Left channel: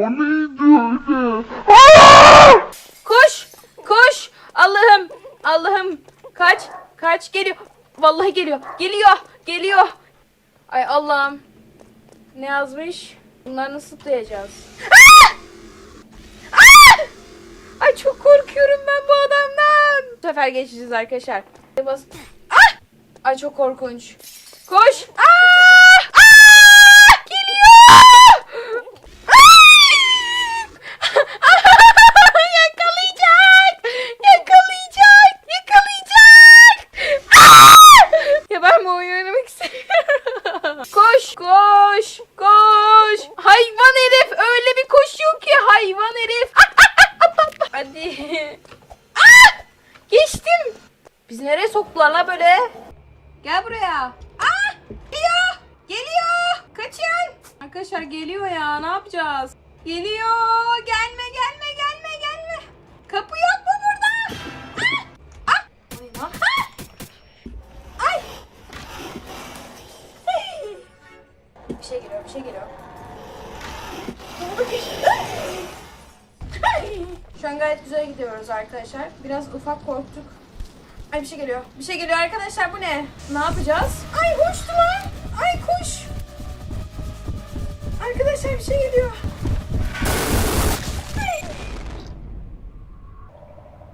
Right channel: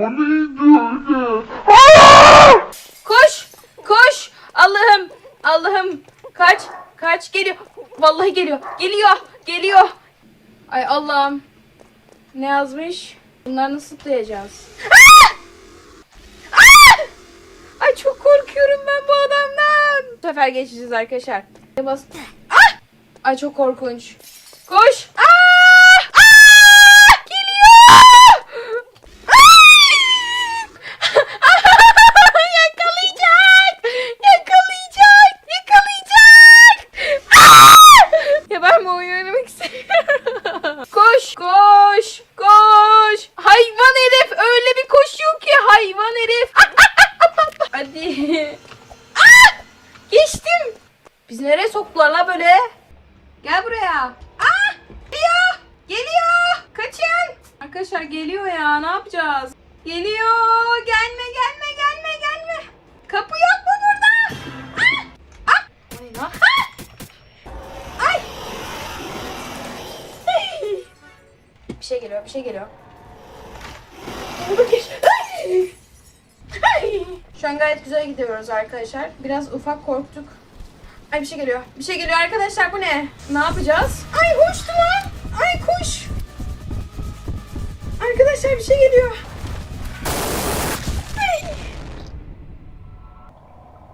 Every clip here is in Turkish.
Onu gördü. Koş! Koş! Allah'ım! Allah'ım! Kaç! Kaç! Geliyor! Vallahi geliyor! Geliyor! Geliyor! Ay Allah'ım! Ne yazmış? Bunları nasıl tutacağız? Ah! Ah! Ay çok korkuyorum ben bu adamdan. Bu sefer geçeceğiz arkadaşlar. Bas. Ah! Ay çok korkunç. Koş! Aa! Koş. Koş. Hayvan herif. Öyle bir koşuyor ki hayvan herif. Hadi. Ah! Geçtim. Biz nereye soktular la böyle? Gel buraya. Ah! Geliyor. Geliyor. Kaçın. Arkadaşlar geliyor ya. Ne yapacağız? Geliyor. Gelme Bir şey geliyor, bir şey geliyor. Şu an gayet güzel gidiyoruz arkadaşlar. Biraz ufak korktuk. Ay bir şey geliyor. Bir şey geliyor arkadaşlar bu ne? Ne yapacağız? Ay hoştu lan. Ay koş. Arkadaşlar bir şey geliyor. Ay.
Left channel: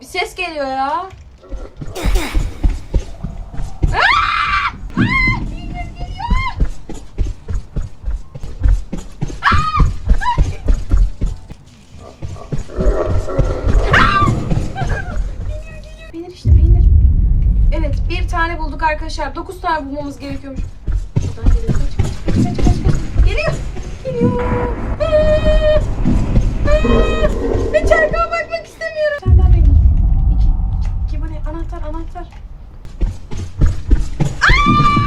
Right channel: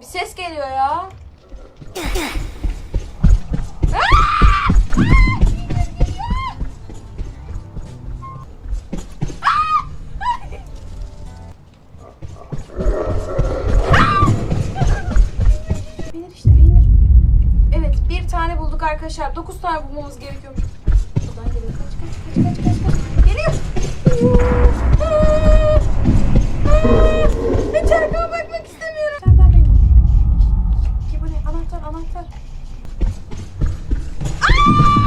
Bir ses geliyor ya. Tane bulduk arkadaşlar. Dokuz tane bulmamız gerekiyormuş. Geliyor. Geliyor. Arkama bakmak istemiyorum. Sen ne? Anahtar anahtar. Aa!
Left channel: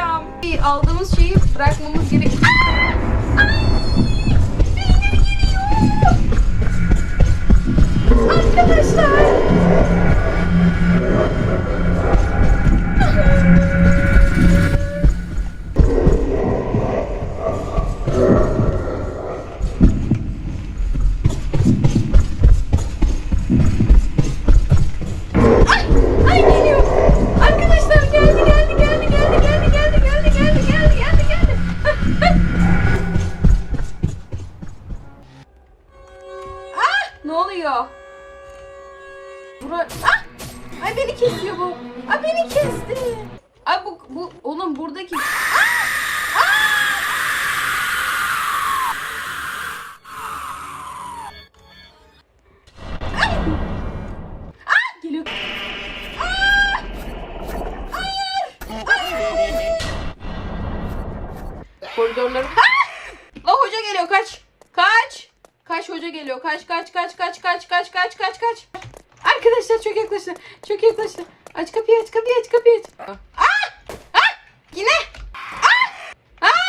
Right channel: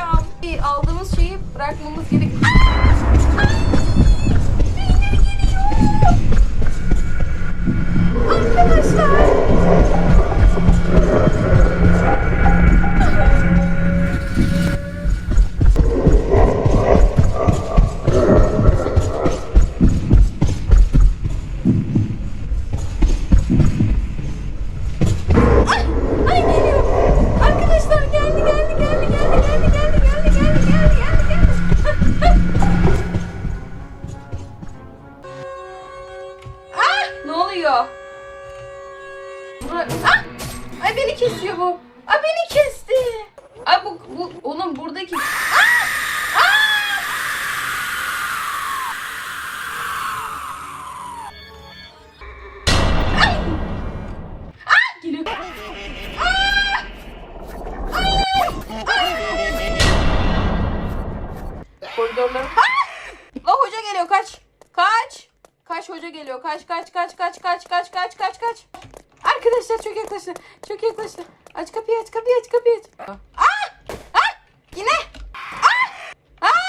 Hocam aldığımız şeyi bırakmamız gerekiyor. Ah! Oluyor? Bu- Ah! Ay beni kesiyor bu. Ay beni kesti. Ay bu, bu onun buradaki... Ah! Ah! Ah! Ah! Koridorları... La hoca geliyor kaç. Kaç. Kaç hoca geliyor. Kaç kaç kaç kaç kaç kaç kaç kaç kaç. Arkadaşlar çok yaklaştı. Çok yaklaştı. Aç kapıyı aç kapıyı aç kapıyı aç. Ah! Ah! Yine.